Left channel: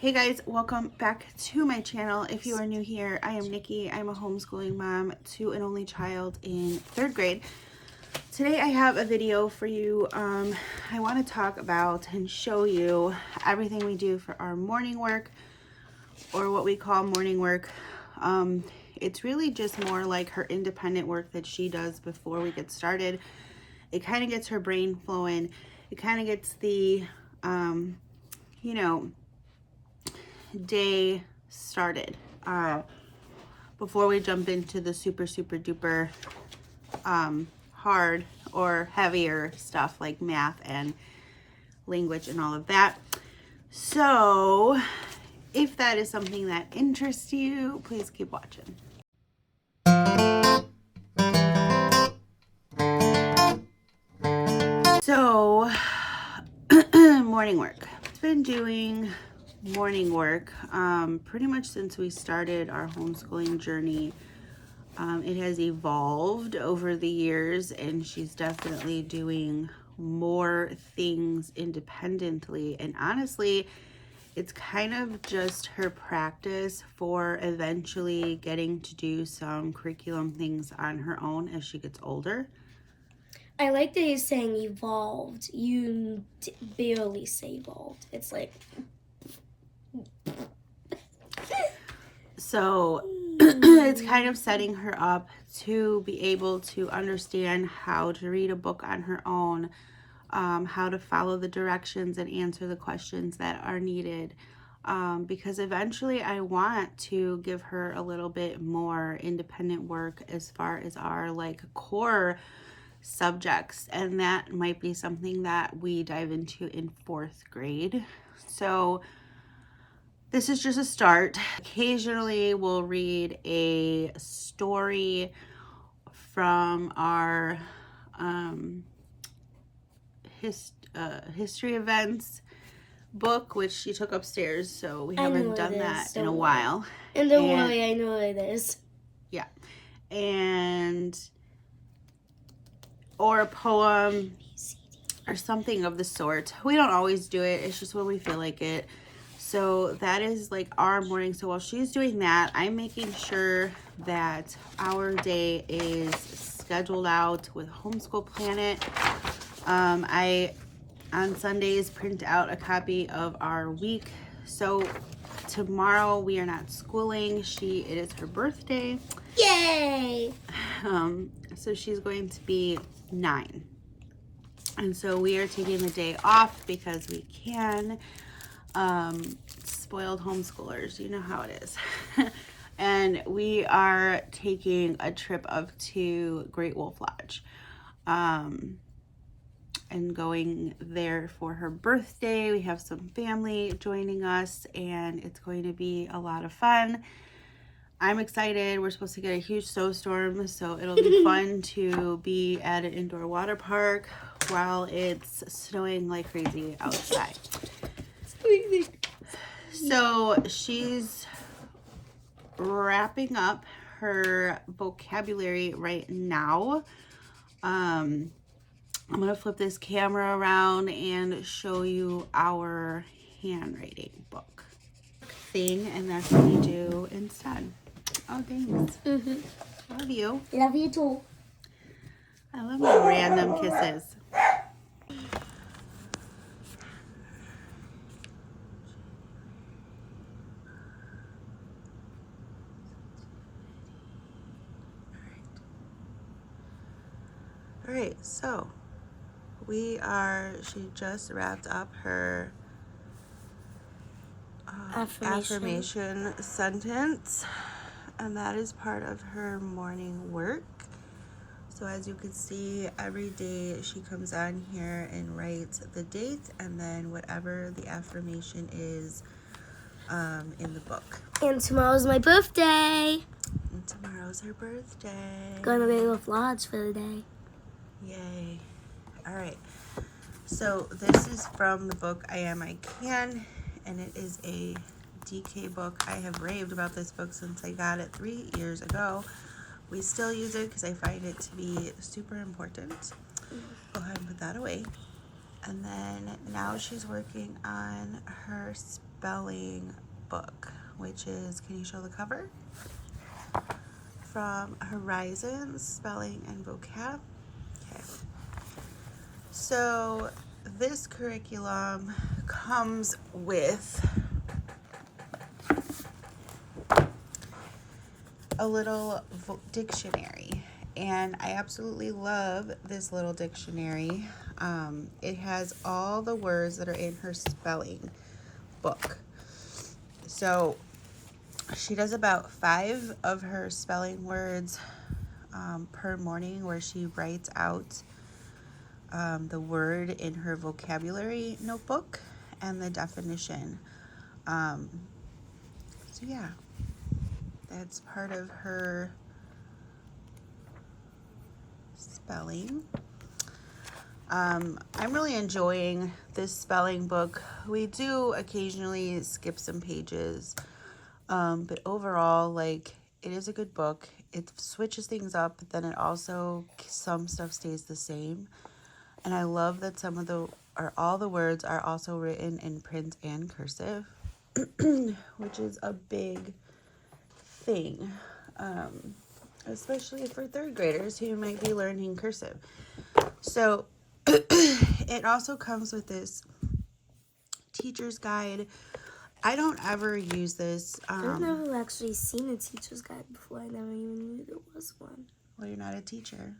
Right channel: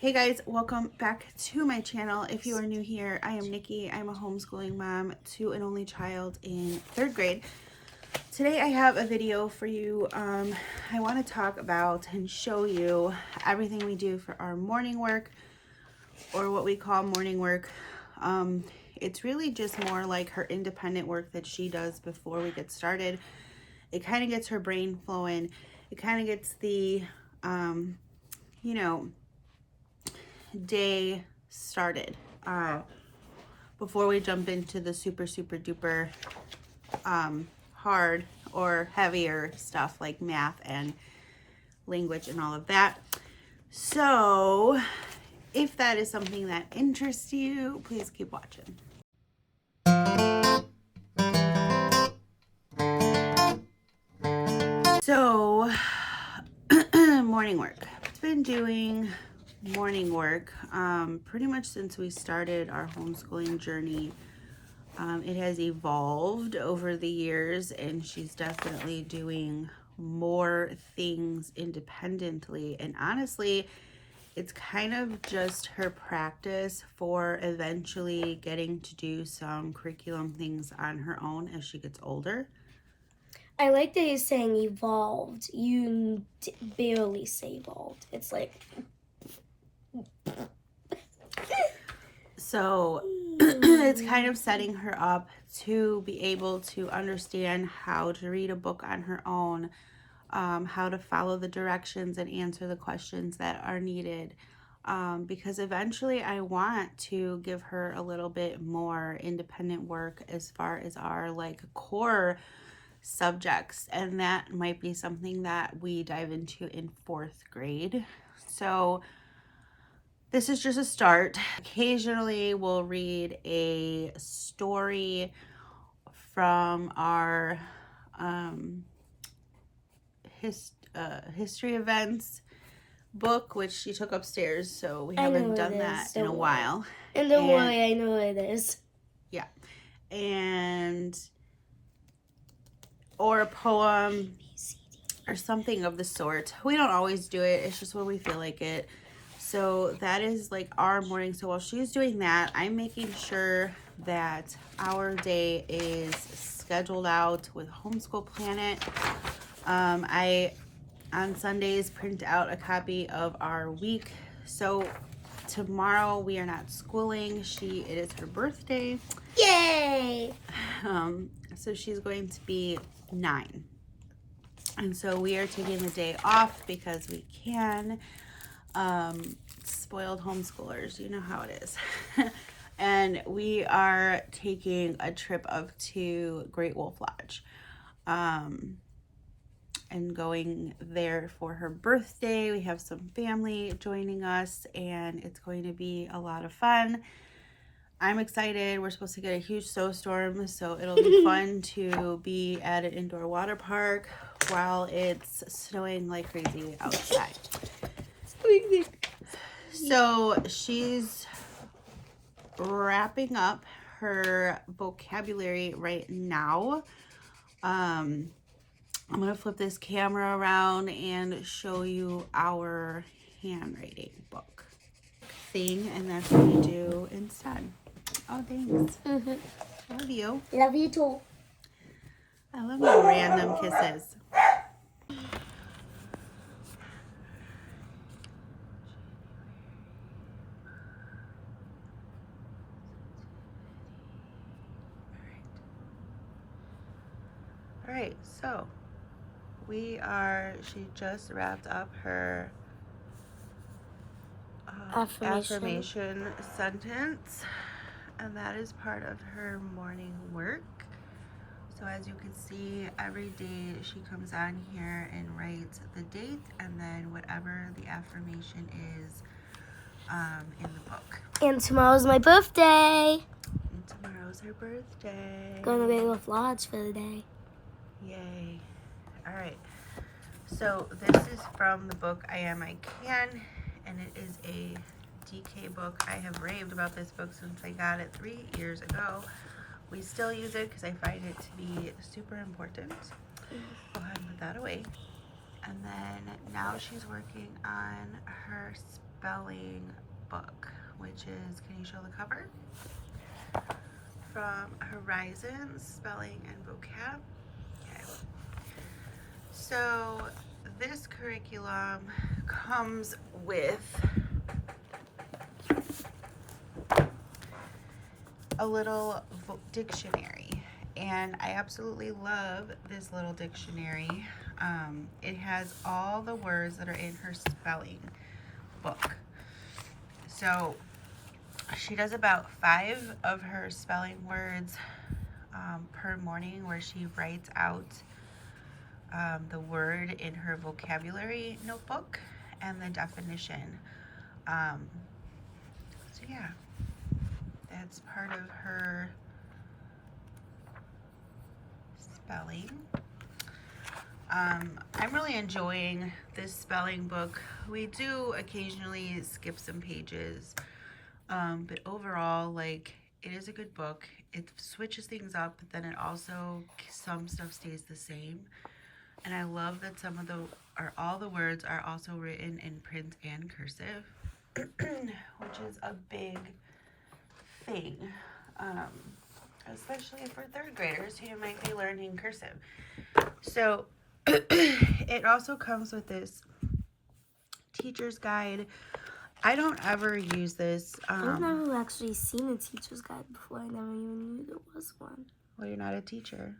Hey guys, welcome back to my channel. If you are new here, I am Nikki. I'm a homeschooling mom to an only child in 3rd grade. Today I have a video for you. I want to talk about and show you everything we do for our morning work, or what we call morning work. It's really just more like her independent work that she does before we get started. It kind of gets her brain flowing. It kind of gets the, day started before we jump into the super duper hard or heavier stuff like math and language and all of that. So if that is something that interests you, please keep watching. So morning work. I've been doing morning work pretty much since we started our homeschooling journey. It has evolved over the years, and she's definitely doing more things independently, and honestly it's kind of just her practice for eventually getting to do some curriculum things on her own as she gets older. I like that you're saying evolved. You barely say evolved. It's like... So it's kind of setting her up to be able to understand how to read a book on her own, how to follow the directions and answer the questions that are needed. Because eventually I want to give her a little bit more independent work as far as our core subjects, and that might be something that we dive into in 4th grade. So this is just a start. Occasionally we'll read a story from our history events book, which she took upstairs, so we haven't done that in a while. And then why I know it is. Yeah. And or a poem or something of the sort. We don't always do it. It's just when we feel like it. So that is like our morning. So while she's doing that, I'm making sure that our day is scheduled out with Homeschool Planet. I on Sundays print out a copy of our week. So tomorrow we are not schooling. It is her birthday. Yay! So she's going to be 9. And so we are taking the day off because we can. Spoiled homeschoolers, you know how it is. And we are taking a trip up to Great Wolf Lodge, and going there for her birthday. We have some family joining us, and it's going to be a lot of fun. I'm excited. We're supposed to get a huge snowstorm, so it'll be fun to be at an indoor water park while it's snowing like crazy outside. So she's wrapping up her vocabulary right now. I'm going to flip this camera around and show you our handwriting book thing, and that's what we do instead. Oh, thanks. Love you. Love you too. I love you. Random kisses. All right, so she just wrapped up her affirmation sentence, and that is part of her morning work. So as you can see, every day she comes on here and writes the date and then whatever the affirmation is in the book. And tomorrow's my birthday. And tomorrow's her birthday. Going to Great Wolf Lodge for the day. Yay. All right. So this is from the book I Am I Can, and it is a DK book. I have raved about this book since I got it 3 years ago. We still use it because I find it to be super important. Go ahead and put that away. And then now she's working on her spelling book, which is, can you show the cover? From Horizons Spelling and Vocab. Okay. So this curriculum comes with a little dictionary, and I absolutely love this little dictionary. It has all the words that are in her spelling book. So she does about 5 of her spelling words per morning, where she writes out the word in her vocabulary notebook and the definition. So yeah, that's part of her spelling. I'm really enjoying this spelling book. We do occasionally skip some pages, but overall, like, it is a good book. It switches things up, but then it also, some stuff stays the same. And I love that all the words are also written in print and cursive, which is a big thing, especially for 3rd graders who might be learning cursive. So it also comes with this teacher's guide. I don't ever use this. I've never actually seen a teacher's guide before. I never even knew there was one. Well, you're not a teacher.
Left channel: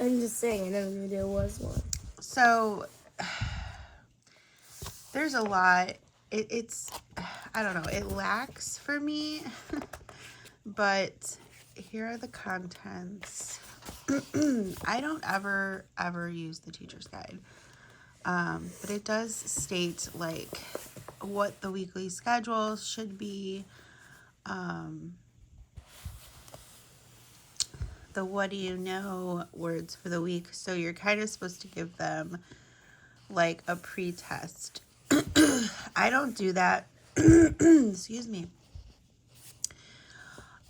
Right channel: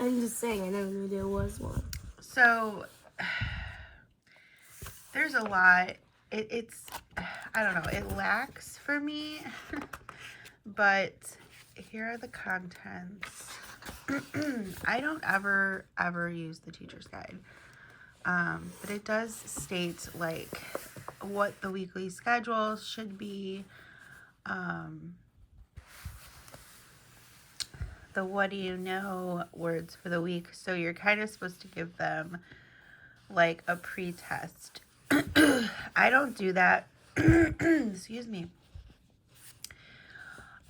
I'm just saying, I never knew there was one. So there's a lot. It's, I don't know, it lacks for me, but here are the contents. I don't ever use the teacher's guide, but it does state, like, what the weekly schedule should be, the what do you know words for the week. So you're kind of supposed to give them like a pre-test. I don't do that. Excuse me.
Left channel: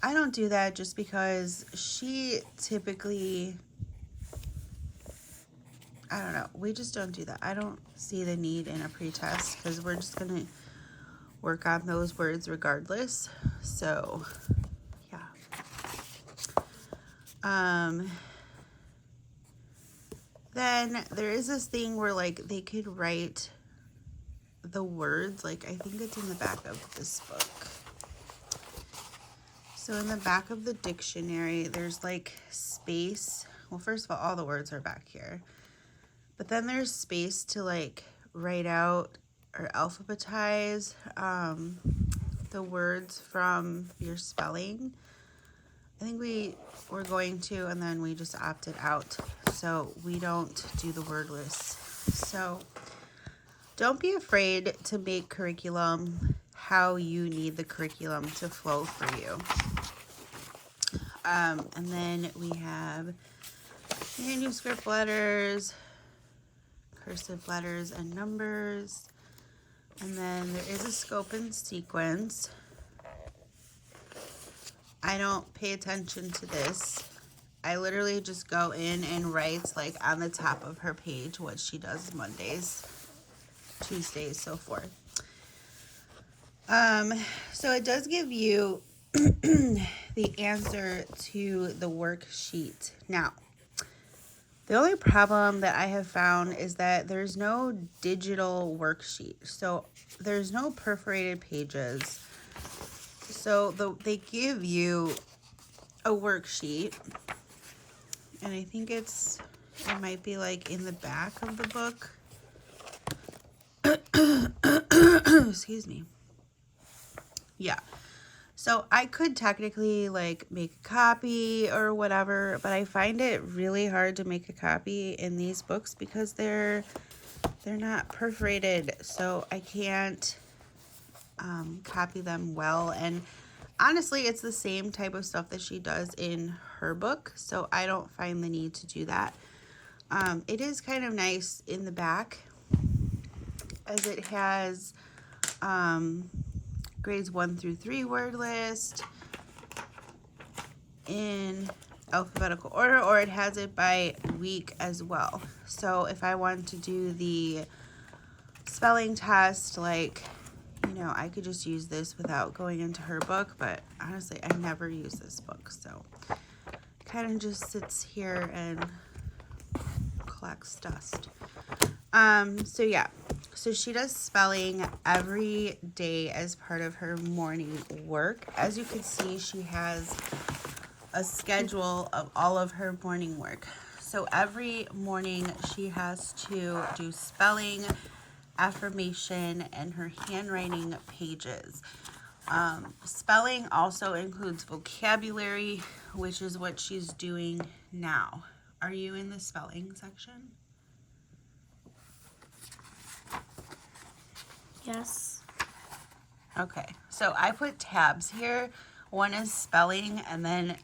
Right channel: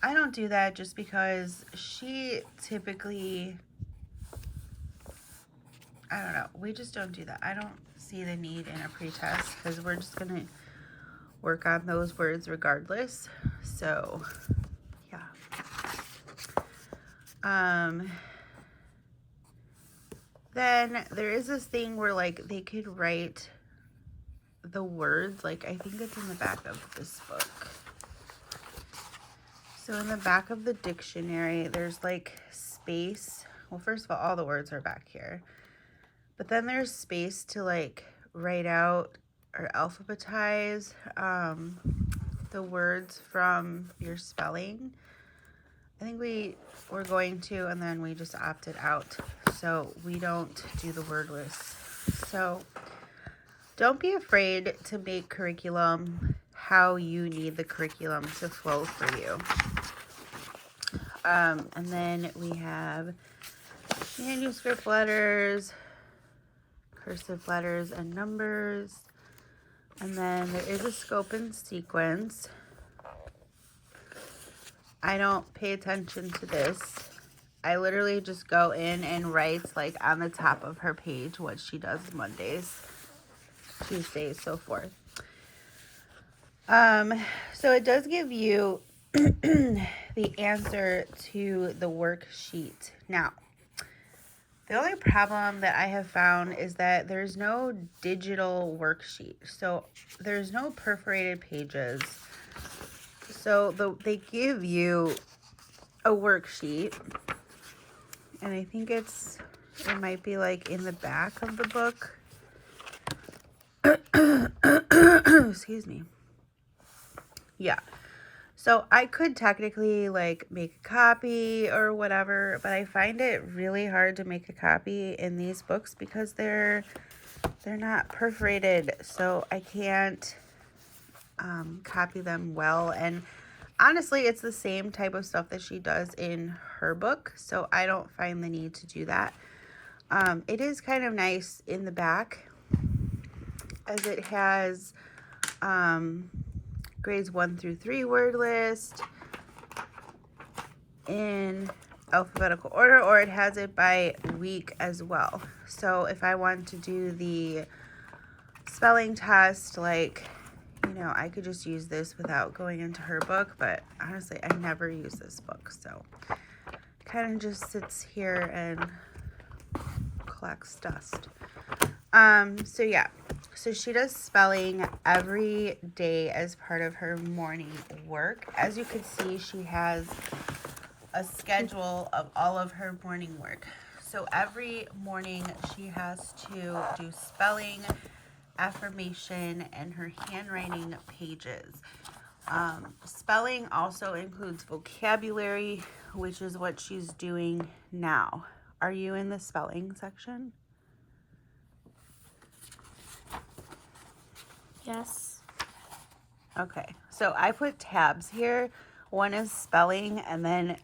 I don't do that just because she typically, I don't know, we just don't do that. I don't see the need in a pre-test because we're just going to work on those words regardless. So, yeah. Then there is this thing where, like, they could write the words, like, I think it's in the back of this book. So in the back of the dictionary, there's like space. Well, first of all the words are back here. But then there's space to like write out or alphabetize the words from your spelling. I think we were going to, and then we just opted out. So we don't do the word list. So don't be afraid to make curriculum how you need the curriculum to flow for you. And then we have manuscript letters, cursive letters and numbers. And then there is a scope and sequence. I don't pay attention to this. I literally just go in and write, like, on the top of her page what she does Mondays, Tuesdays, so forth. So it does give you the answer to the worksheet. Now, the only problem that I have found is that there's no digital worksheet. So there's no perforated pages. So they give you a worksheet, and I think it might be like in the back of the book. Excuse me. Yeah. So I could technically like make a copy or whatever, but I find it really hard to make a copy in these books because they're not perforated, so I can't copy them well. And honestly, it's the same type of stuff that she does in her book, so I don't find the need to do that. It is kind of nice in the back as it has grades 1 through 3 word list in alphabetical order, or it has it by week as well. So if I want to do the spelling test like know, I could just use this without going into her book, but honestly, I never use this book, so kind of just sits here and collects dust. So yeah, so she does spelling every day as part of her morning work. As you can see, she has a schedule of all of her morning work. So every morning she has to do spelling, affirmation, and her handwriting pages. Spelling also includes vocabulary, which is what she's doing now. Are you in the spelling section? Yes. Okay, so I put tabs here. One is spelling, and then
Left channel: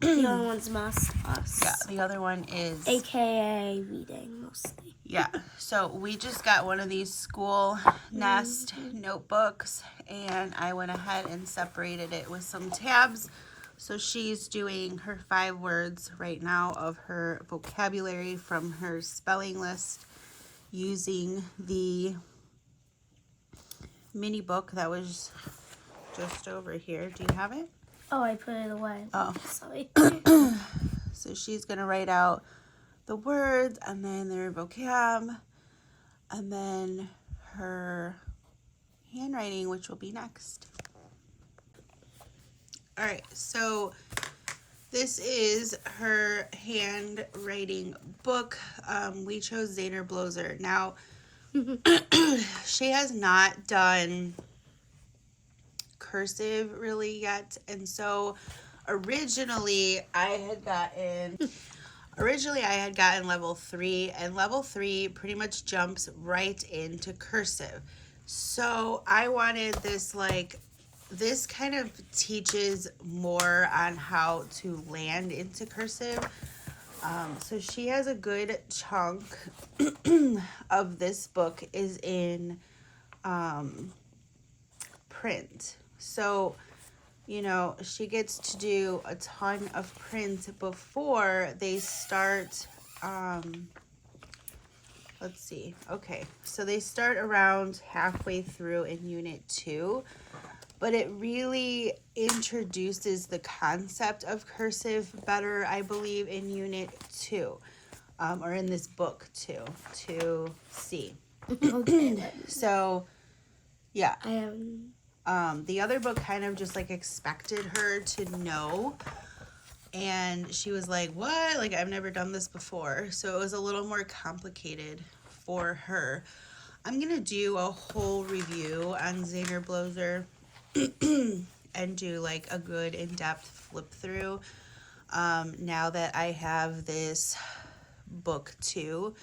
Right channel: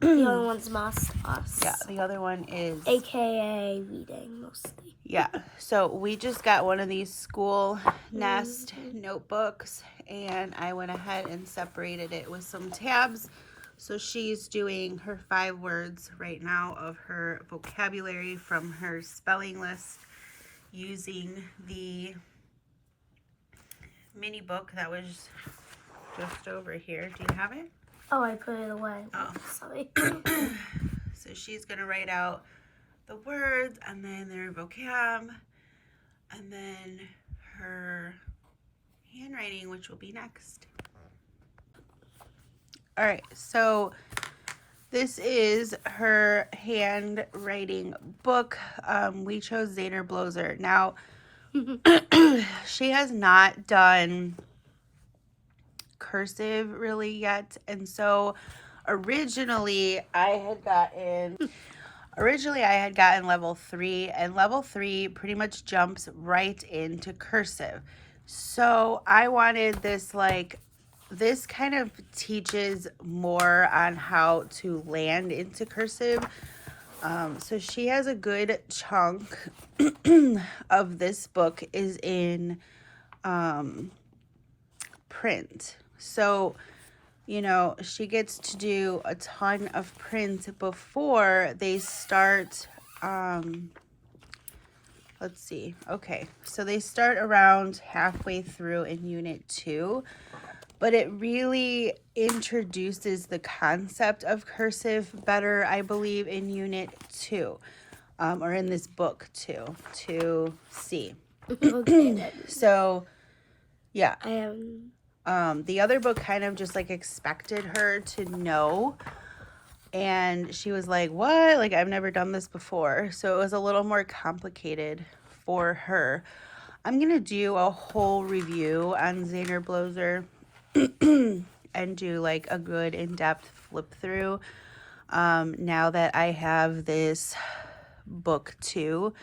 The other one's must us. yeah, the other one is AKA reading mostly. yeah. So we just got one of these school nest notebooks, and I went ahead and separated it with some tabs. So she's doing her 5 words right now of her vocabulary from her spelling list using the mini book that was just over here. Do you have it? Oh, I put it away. Oh. Sorry. So she's going to write out the words and then their vocab and then her handwriting, which will be next. All right, so this is her handwriting book. We chose Zaner Bloser. Now, she has not done cursive really yet, and so originally I had gotten level 3, and level 3 pretty much jumps right into cursive. So I wanted this, like, this kind of teaches more on how to land into cursive. So she has a good chunk of this book is in print. So, you know, she gets to do a ton of print before they start, let's see. Okay, so they start around halfway through in Unit 2, but it really introduces the concept of cursive better, I believe, in Unit 2, or in this book, 2C. Okay, then. So, yeah. I am. The other book kind of just like expected her to know, and she was like, what? Like, I've never done this before. So it was a little more complicated for her. I'm going to do a whole review on Zaner Bloser and do like a good in-depth flip through now that I have this book too,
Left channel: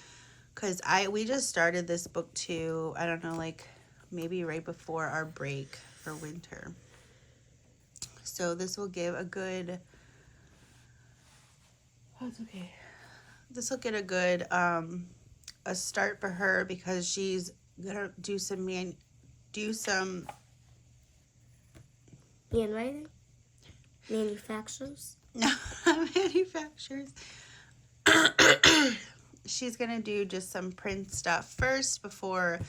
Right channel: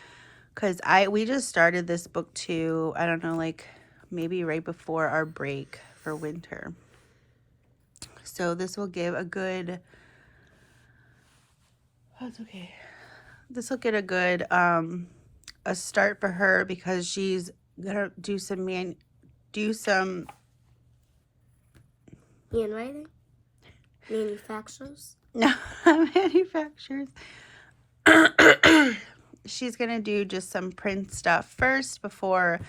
because we just started this book too, I don't know, like maybe right before our break for winter. So this will give a good, that's okay. This will get a good a start for her, because she's gonna do some Handwriting? Manufacturers? no manufacturers. She's gonna do just some print stuff first before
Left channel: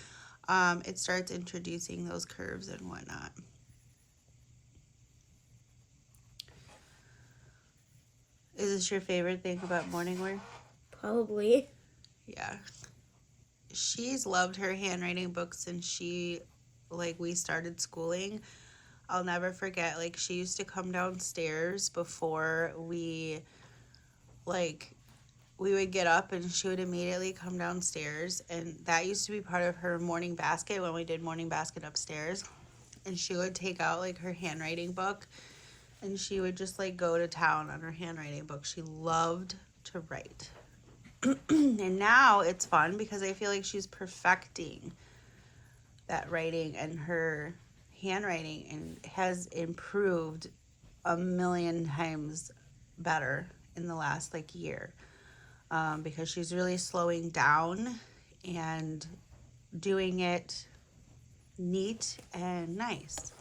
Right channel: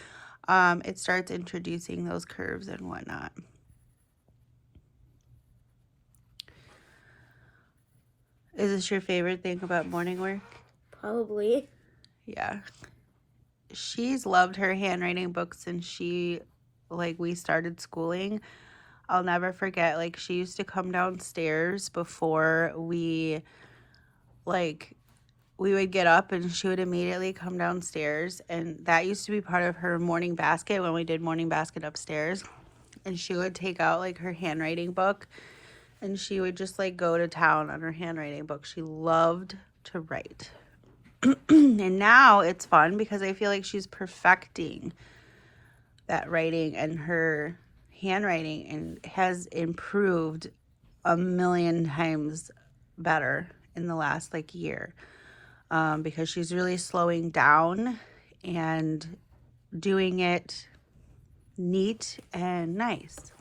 it starts introducing those curves and whatnot. Is this your favorite thing about morning work? Probably. Yeah. She's loved her handwriting book since we started schooling. I'll never forget, like, she used to come downstairs before we would get up, and she would immediately come downstairs, and that used to be part of her morning basket when we did morning basket upstairs. And she would take out like her handwriting book, and she would just like go to town on her handwriting book. She loved to write. And now it's fun because I feel like she's perfecting that writing, and her handwriting and has improved a million times better in the last like year, because she's really slowing down and doing it neat and nice.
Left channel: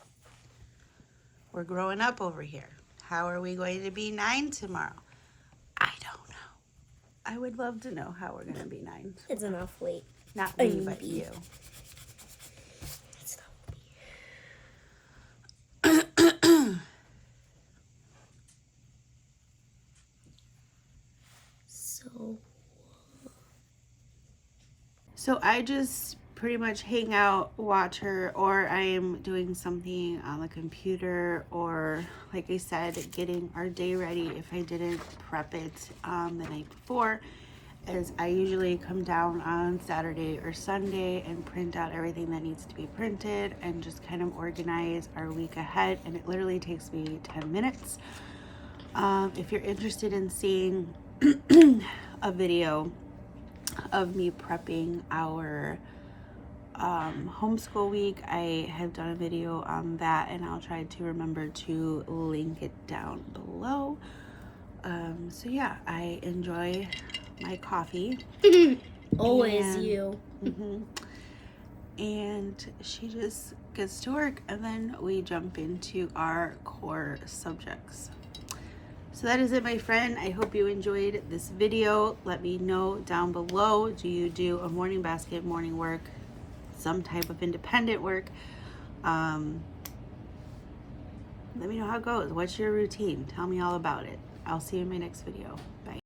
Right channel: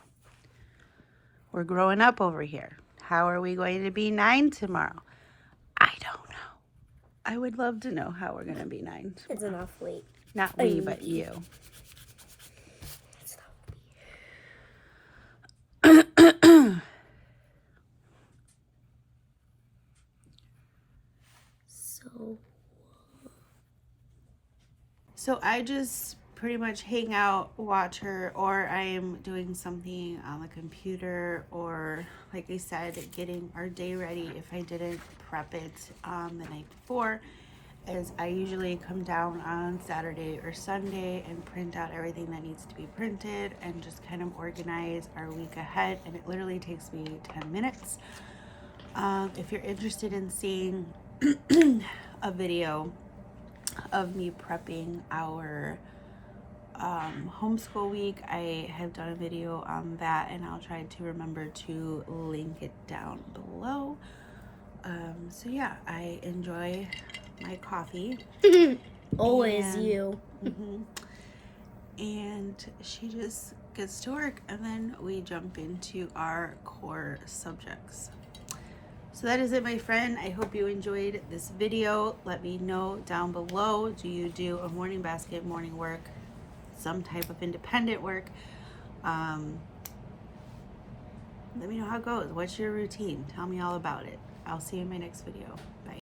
We're growing up over here. How are we going to be 9 tomorrow? I don't know. I would love to know how we're going to be 9. It's enough late. Not me, but you. It's not me. So I just pretty much hang out, watch her, or I am doing something on the computer, or like I said, getting our day ready if I didn't prep it the night before, as I usually come down on Saturday or Sunday and print out everything that needs to be printed and just kind of organize our week ahead, and it literally takes me 10 minutes. If you're interested in seeing a video of me prepping our homeschool week, I have done a video on that, and I'll try to remember to link it down below. So yeah, I enjoy my coffee. Always And- you. And she just gets to work, and then we jump into our core subjects. So that is it, my friend. I hope you enjoyed this video. Let me know down below, do you do a morning basket, morning work, some type of independent work? Let me know how it goes. What's your routine? Tell me all about it. I'll see you in my next video. Bye.